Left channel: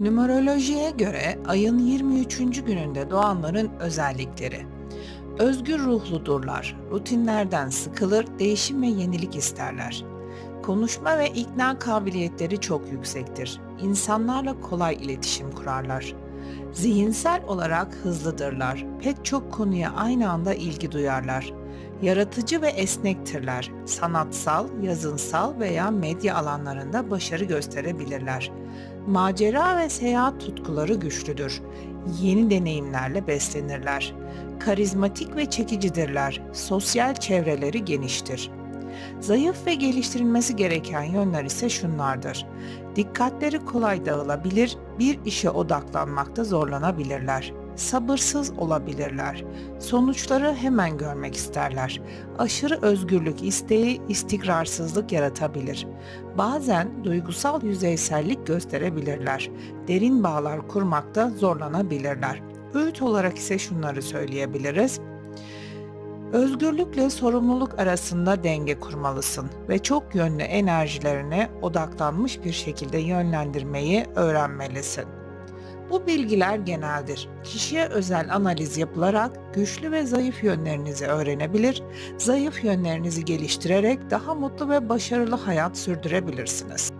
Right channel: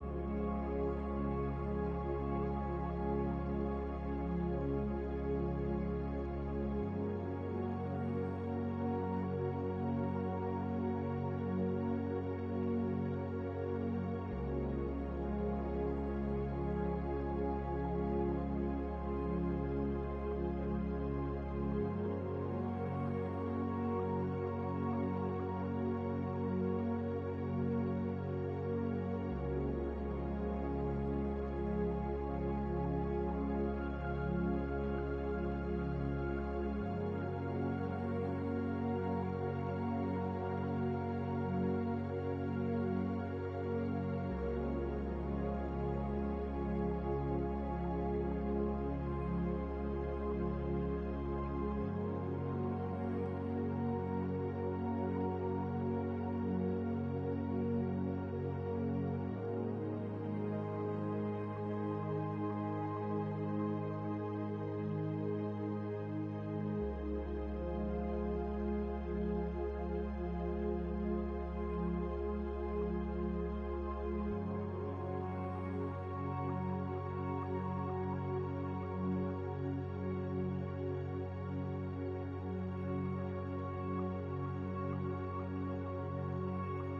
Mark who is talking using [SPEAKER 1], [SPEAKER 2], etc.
[SPEAKER 1] Numerolojiye göre ayın 23. gününde doğanların özellikleri. Özgür ruhludurlar, rutinlerden sıkılır, değişim ve yenilik isterler. Konuşma ve ikna kabiliyetleri çok yüksektir. İnsanlarla kolay iletişim kurarlar. Zihinsel olarak hızlıdırlar. Pek çok konuya aynı anda ilgi duyarlar. Yaratıcı ve esnektirler. Sanatsal, yazınsal veya medya alanlarında başarı gösterebilirler. Macera ve seyahat tutkuları güçlüdür. Yeni deneyimlerle beslenirler. Karizmatik ve çekicidirler. Sosyal çevreleri geniştir. Zayıf ve geliştirilmesi gereken yönler ise şunlardır. Dikkatleri kolay dağılabilir, bir işe odaklanmakta zorlanabilirler. Sabırsız olabilirler. Sonuçları hemen görmek isterler. Aşırı özgürlük isteği istikrarsızlık yaratabilir. Bazen duygusal yüzeysellik gösterebilirler. Derin bağlar kurmakta zorlanabilirler. Öğüt olarak ise şunları söyleyebiliriz. Özgürlükle sorumluluk arasında denge kurmalısın ve çok yönlü enerjilerine odaklanmış bir şekilde yönlendirmeyi öğrenmelisin. Bu bilgiler geneldir. Kişiye özel analiz yapılarak güçlü ve zayıf yönlerinizi öğrenebilir, zayıf yönlerinizi geliştirerek daha mutlu ve başarılı hayat sürdürebilirsiniz.